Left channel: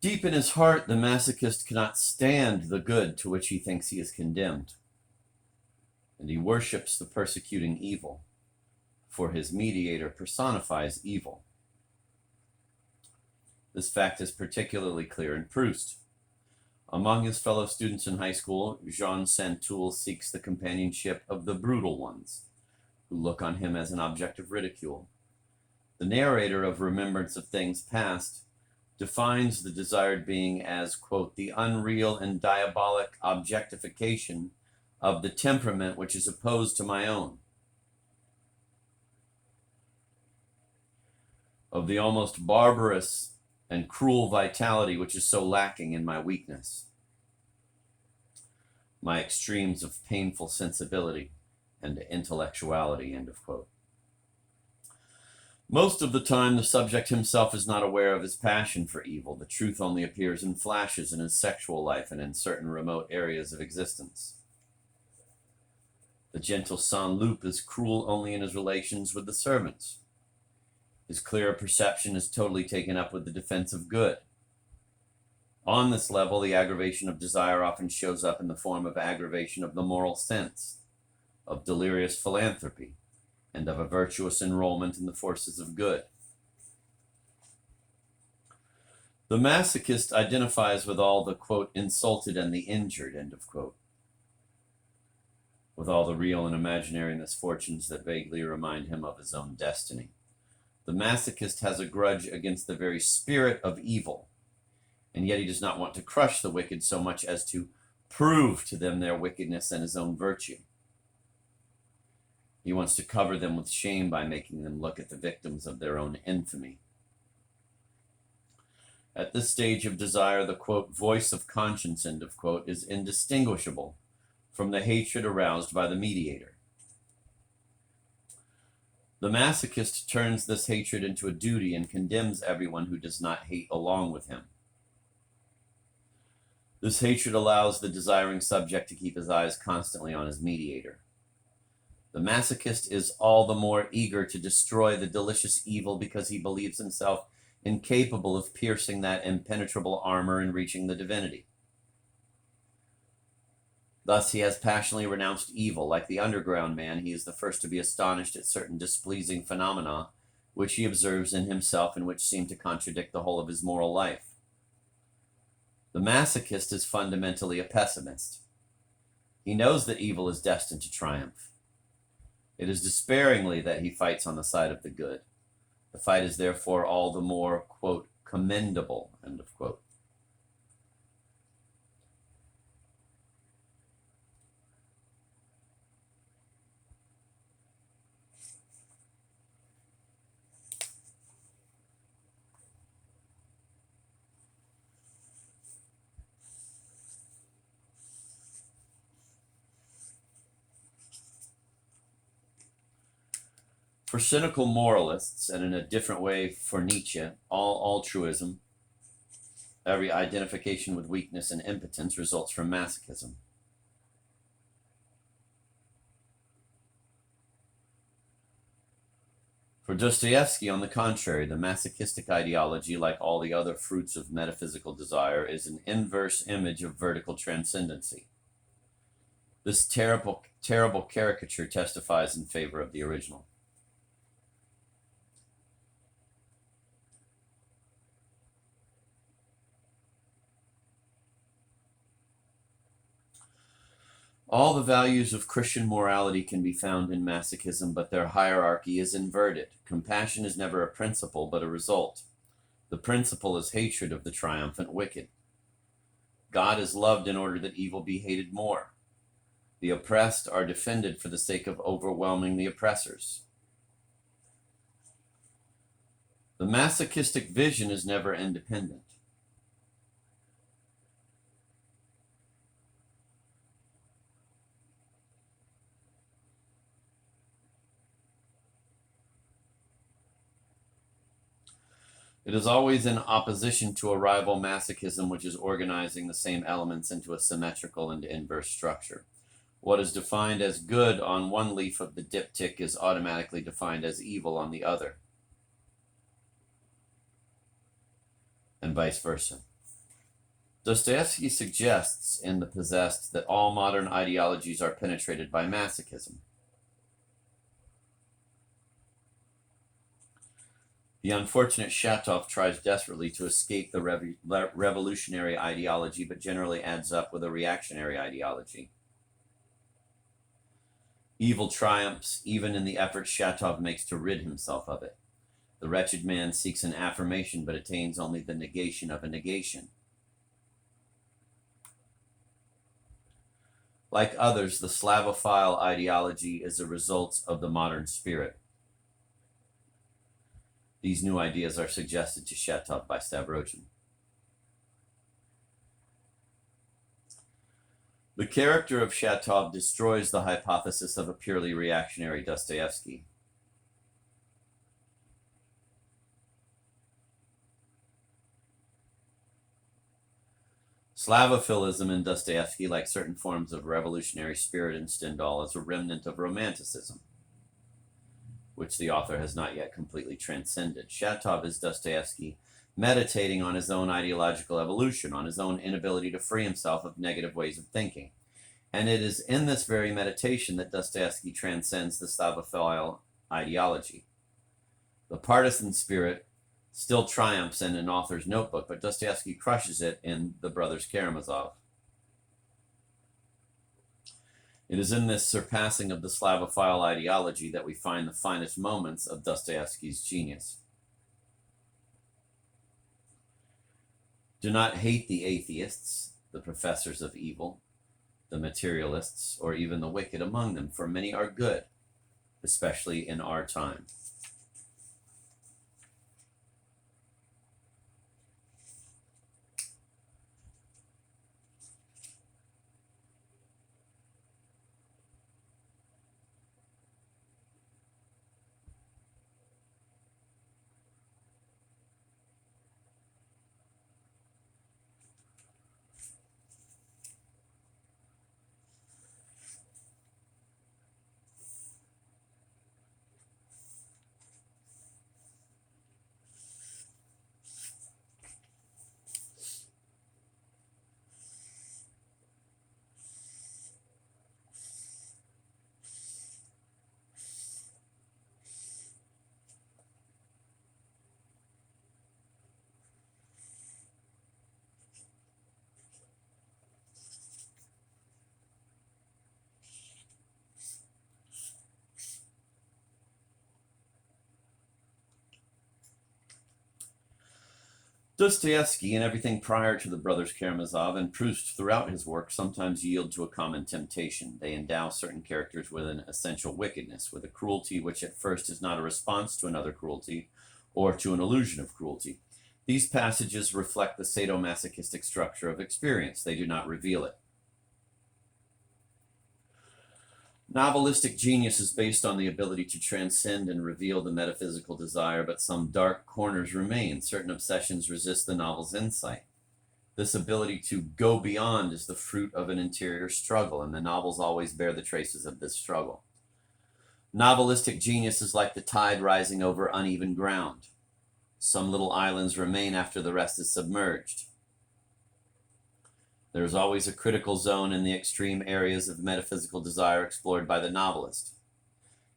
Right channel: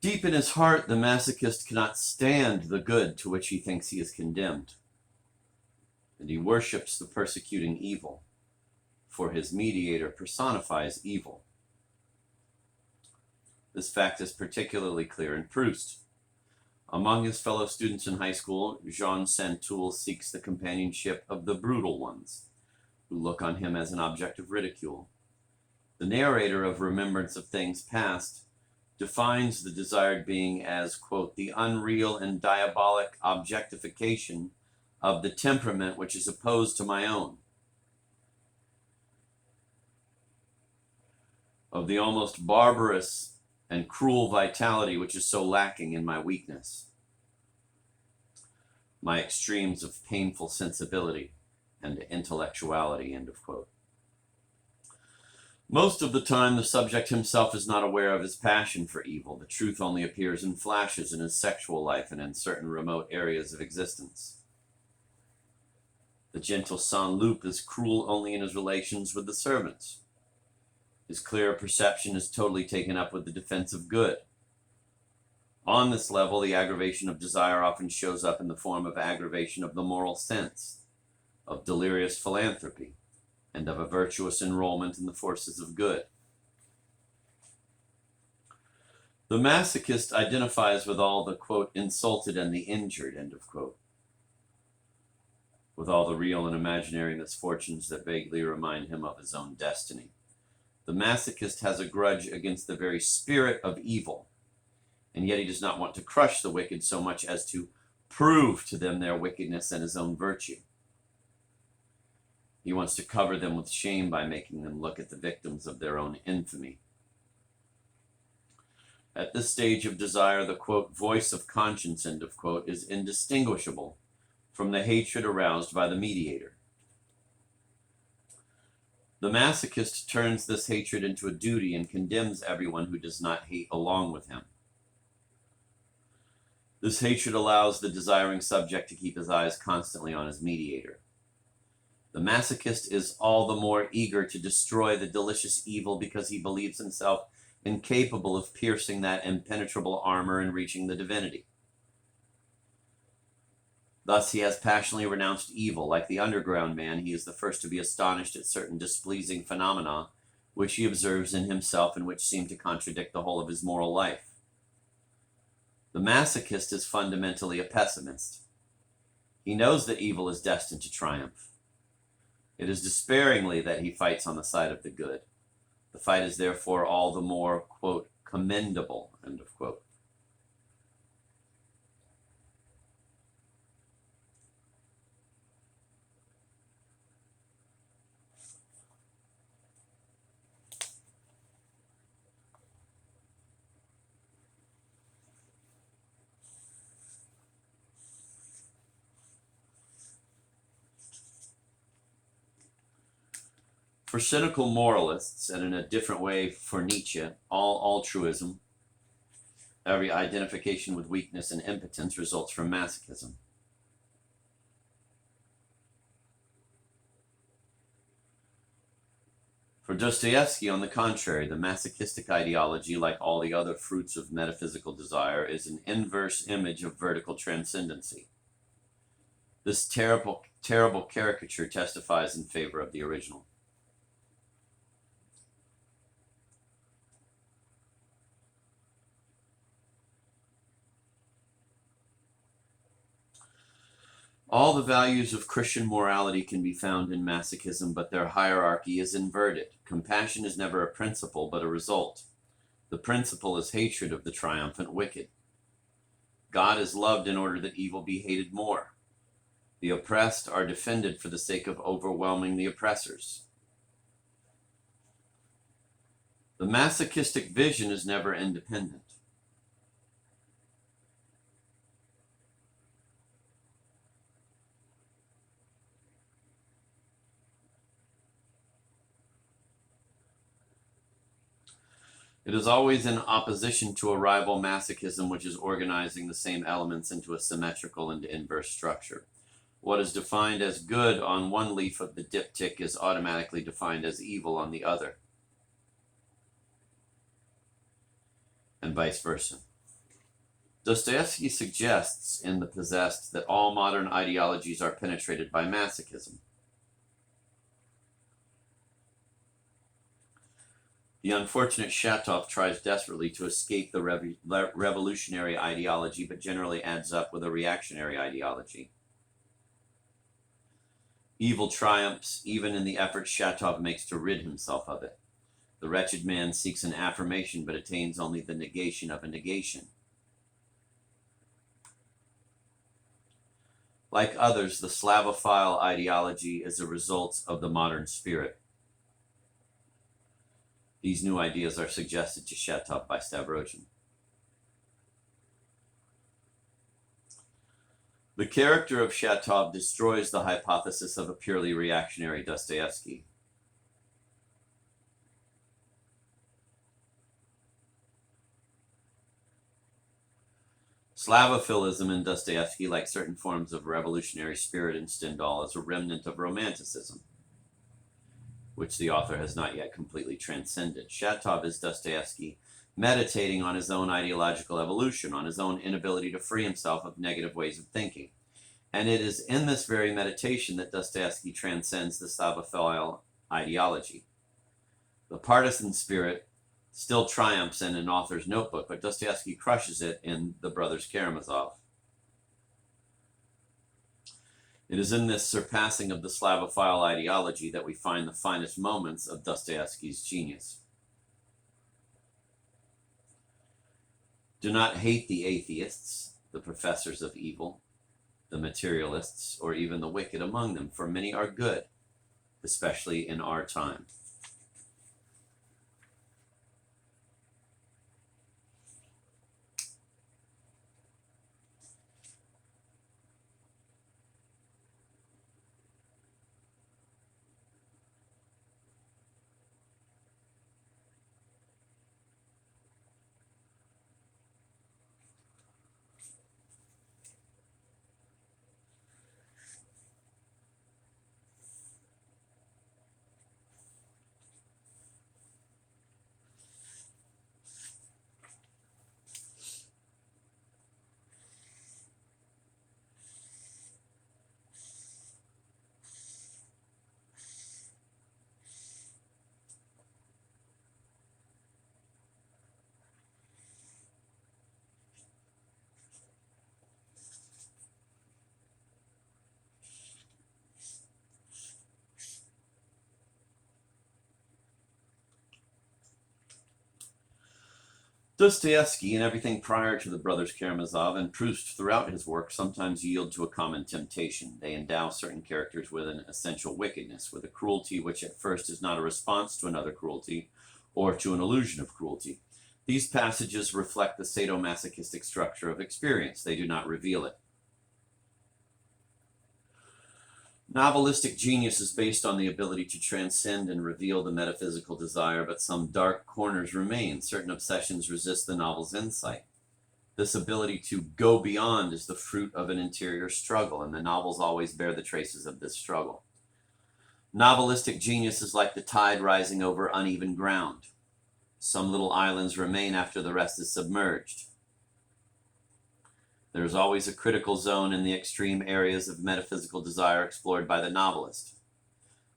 Deep in his heart, the masochist cannot stand the good to which he thinks he is condemned, and he worships the persecuting evil, for his mediator personifies evil. This fact is particularly clear in Proust. Among his fellow students in high school, Jean Santoul seeks the companionship of the brutal ones, who look on him as an object of ridicule. The narrator of Remembrance of Things Past defines the desired being as, quote, the unreal and diabolic objectification of the temperament which is opposed to my own, of the almost barbarous and cruel vitality which is so lacking in my weakness, my extremes of painful sensibility and intellectuality, end of quote. Most of the time, the subject himself is not aware of his passion for evil. The truth only appears in flashes in his sexual life and in certain remote areas of existence. The gentle Saint-Loup is cruel only in his relations with the servants. His clear perception is totally taken up with the defense of good. On this level, the aggravation of desire often shows up in the form of aggravation of the moral sense, of delirious philanthropy, and of a virtuous enrollment in the forces of good. The masochist identifies with all the, quote, insulted and the injured, end of quote, with all the real and imaginary misfortunes that vaguely remind him of his own destiny. The masochist has a grudge against the very spirit of evil, and yet he does not want to crush the wicked so much as to prove to them their wickedness and his own virtue. He wants to cover them with shame by making them look at the victims of their own infamy. At this stage of desire, the, quote, voice of conscience, end of quote, is indistinguishable from the hatred aroused by the mediator. The masochist turns this hatred into a duty and condemns everyone who does not hate along with him. This hatred allows the desiring subject to keep his eyes constantly on his mediator. The masochist is all the more eager to destroy the delicious evil because he believes himself incapable of piercing that impenetrable armor and reaching the divinity. Thus, he has passionately renounced evil. Like the underground man, he is the first to be astonished at certain displeasing phenomena which he observes in himself and which seem to contradict the whole of his moral life. The masochist is fundamentally a pessimist. He knows that evil is destined to triumph. It is despairingly that he fights on the side of the good. The fight is therefore all the more, quote, commendable, end of quote. For cynical moralists, and in a different way for Nietzsche, all altruism, every identification with weakness and impotence results from masochism. For Dostoevsky, on the contrary, the masochistic ideology, like all the other fruits of metaphysical desire, is an inverse image of vertical transcendency. This terrible caricature testifies in favor of the original. All the values of Christian morality can be found in masochism, but their hierarchy is inverted. Compassion is never a principle, but a result. The principle is hatred of the triumphant wicked. God is loved in order that evil be hated more. The oppressed are defended for the sake of overwhelming the oppressors. The masochistic vision is never independent. It is always in opposition to a rival masochism which is organizing the same elements into a symmetrical and inverse structure. What is defined as good on one leaf of the diptych is automatically defined as evil on the other, and vice versa. Dostoevsky suggests in The Possessed that all modern ideologies are penetrated by masochism. The unfortunate Shatov tries desperately to escape the revolutionary ideology, but generally adds up with a reactionary ideology. Evil triumphs even in the effort Shatov makes to rid himself of it. The wretched man seeks an affirmation, but attains only the negation of a negation. Like others, the Slavophile ideology is a result of the modern spirit. These new ideas are suggested to Shatov by Stavrogin. The character of Shatov destroys the hypothesis of a purely reactionary Dostoevsky. Slavophilism in Dostoevsky, like certain forms of revolutionary spirit in Stendhal, is a remnant of Romanticism, which the author has not yet completely transcended. Shatov is Dostoevsky meditating on his own ideological evolution, on his own inability to free himself of negative ways of thinking. And it is in this very meditation that Dostoevsky transcends the Slavophile ideology. The partisan spirit still triumphs in an author's notebook, but Dostoevsky crushes it in The Brothers Karamazov. It is in this surpassing of the Slavophile ideology that we find the finest moments of Dostoevsky's genius. Do not hate the atheists, the professors of evil, the materialists, or even the wicked among them, for many are good, especially in our time. Dostoevsky and everything prior to the Brothers Karamazov and Proust throughout his work sometimes yield to a common temptation. They endow certain characters with an essential wickedness, with a cruelty which at first is not a response to another cruelty or to an illusion of cruelty. These passages reflect the sadomasochistic structure of experience. They do not reveal it. Novelistic genius is based on the ability to transcend and reveal the metaphysical desire, but some dark corners remain. Certain obsessions resist the novel's insight. This ability to go beyond is the fruit of an interior struggle, and the novels always bear the traces of this struggle. Novelistic genius is like the tide rising over uneven ground. Some little islands remain after the rest is submerged. There is always a critical zone in the extreme areas of metaphysical desire explored by the novelist.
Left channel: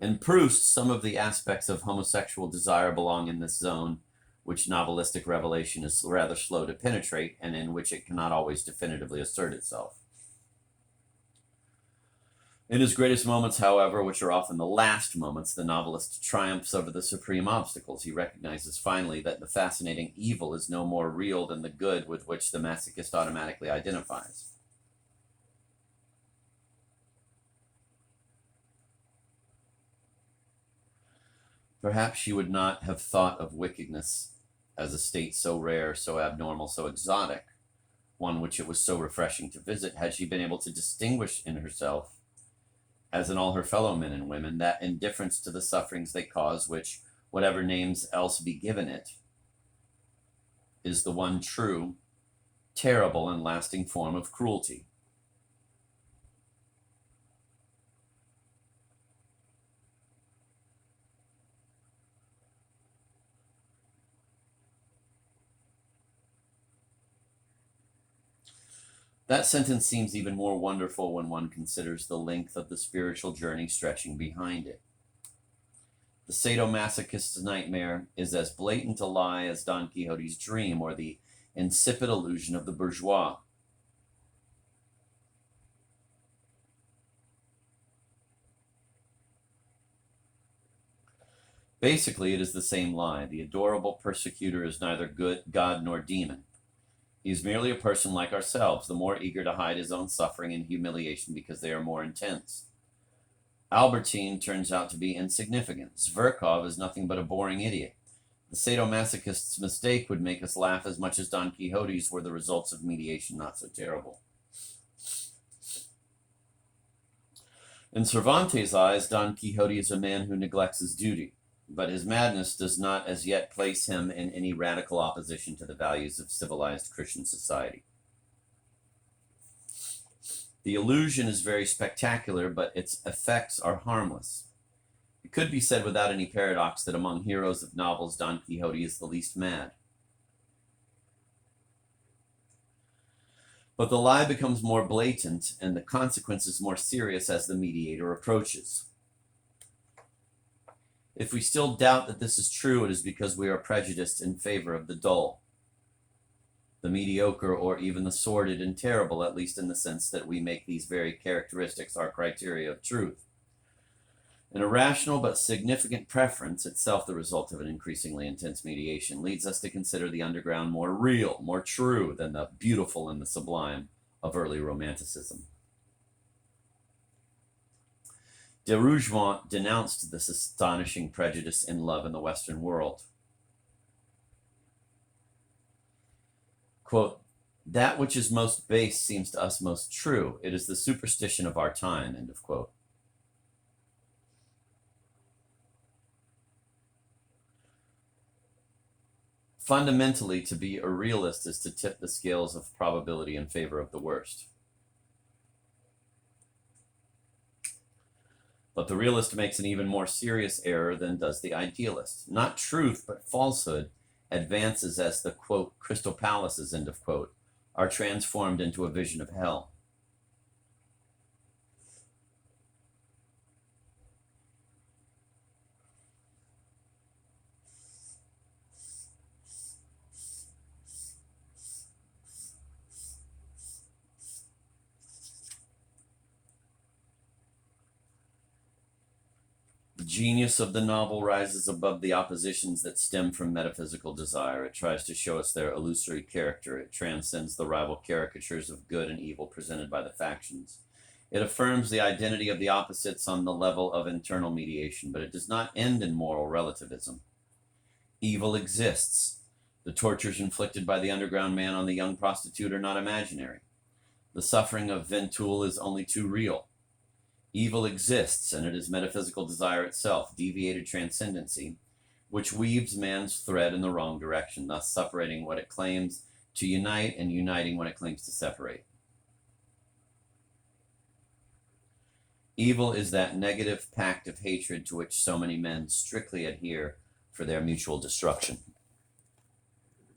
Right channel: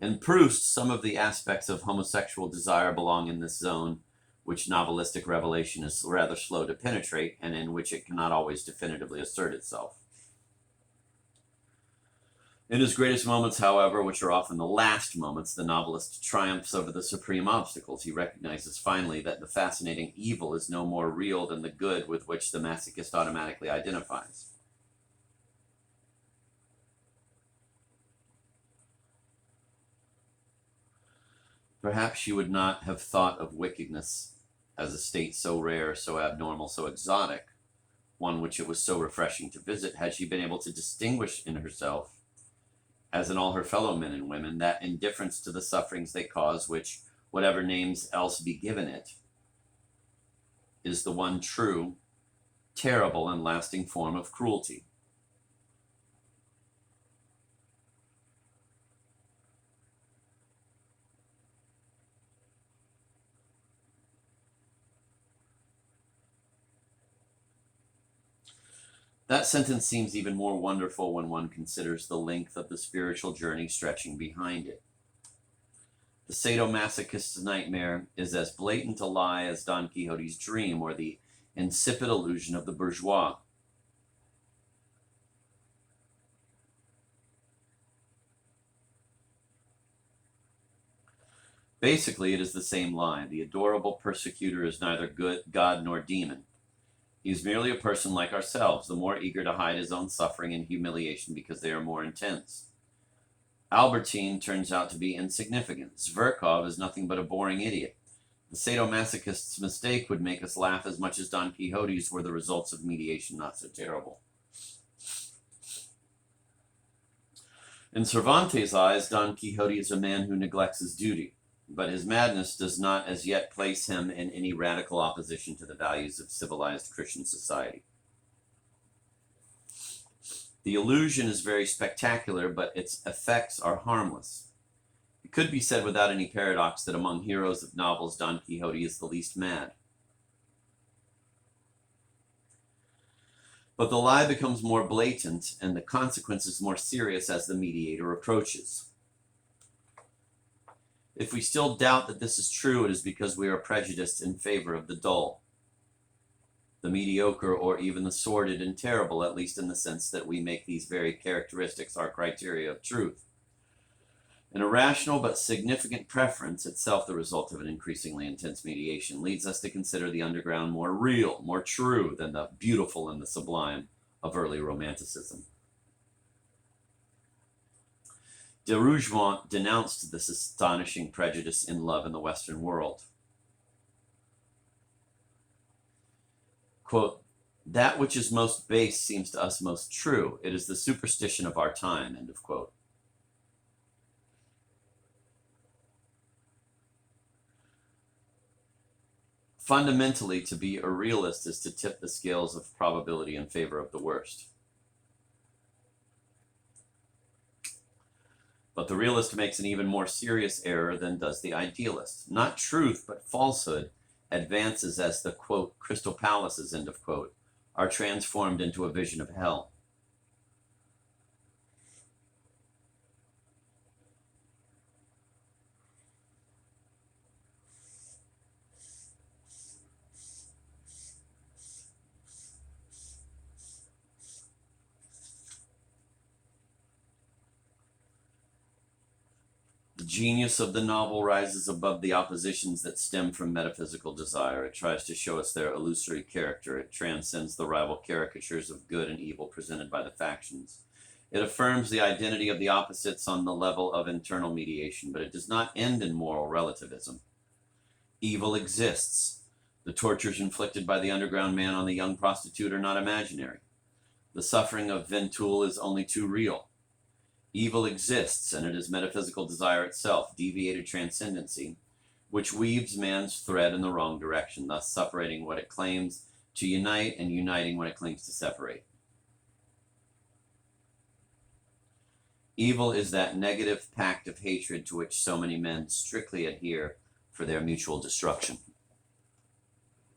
In Proust, some of the aspects of homosexual desire belong in this zone, which novelistic revelation is rather slow to penetrate, and in which it cannot always definitively assert itself. In his greatest moments, however, which are often the last moments, the novelist triumphs over the supreme obstacles. He recognizes finally that the fascinating evil is no more real than the good with which the masochist automatically identifies. Perhaps she would not have thought of wickedness as a state so rare, so abnormal, so exotic, one which it was so refreshing to visit, had she been able to distinguish in herself, as in all her fellow men and women, that indifference to the sufferings they cause, which, whatever names else be given it, is the one true, terrible, and lasting form of cruelty. That sentence seems even more wonderful when one considers the length of the spiritual journey stretching behind it. The sadomasochist's nightmare is as blatant a lie as Don Quixote's dream or the insipid illusion of the bourgeois. Basically, it is the same lie. The adorable persecutor is neither good God nor demon. He is merely a person like ourselves, the more eager to hide his own suffering and humiliation because they are more intense. Albertine turns out to be insignificant. Zverkov is nothing but a boring idiot. The sadomasochist's mistake would make us laugh as much as Don Quixote's were the results of mediation not so terrible. In Cervantes' eyes, Don Quixote is a man who neglects his duty, but his madness does not as yet place him in any radical opposition to the values of civilized Christian society. The illusion is very spectacular, but its effects are harmless. It could be said without any paradox that among heroes of novels, Don Quixote is the least mad. But the lie becomes more blatant and the consequences more serious as the mediator approaches. If we still doubt that this is true, it is because we are prejudiced in favor of the dull, the mediocre, or even the sordid and terrible, at least in the sense that we make these very characteristics our criteria of truth. An irrational but significant preference, itself the result of an increasingly intense mediation, leads us to consider the underground more real, more true than the beautiful and the sublime of early Romanticism. De Rougemont denounced this astonishing prejudice in love in the Western world. Quote, "That which is most base seems to us most true. It is the superstition of our time," end of quote. Fundamentally, to be a realist is to tip the scales of probability in favor of the worst. But the realist makes an even more serious error than does the idealist. Not truth, but falsehood advances as the, quote, crystal palaces, end of quote, are transformed into a vision of hell. The genius of the novel rises above the oppositions that stem from metaphysical desire. It tries to show us their illusory character. It transcends the rival caricatures of good and evil presented by the factions. It affirms the identity of the opposites on the level of internal mediation, but it does not end in moral relativism. Evil exists. The tortures inflicted by the underground man on the young prostitute are not imaginary. The suffering of Ventoul is only too real. Evil exists, and it is metaphysical desire itself, deviated transcendency, which weaves man's thread in the wrong direction, thus separating what it claims to unite and uniting what it claims to separate. Evil is that negative pact of hatred to which so many men strictly adhere for their mutual destruction.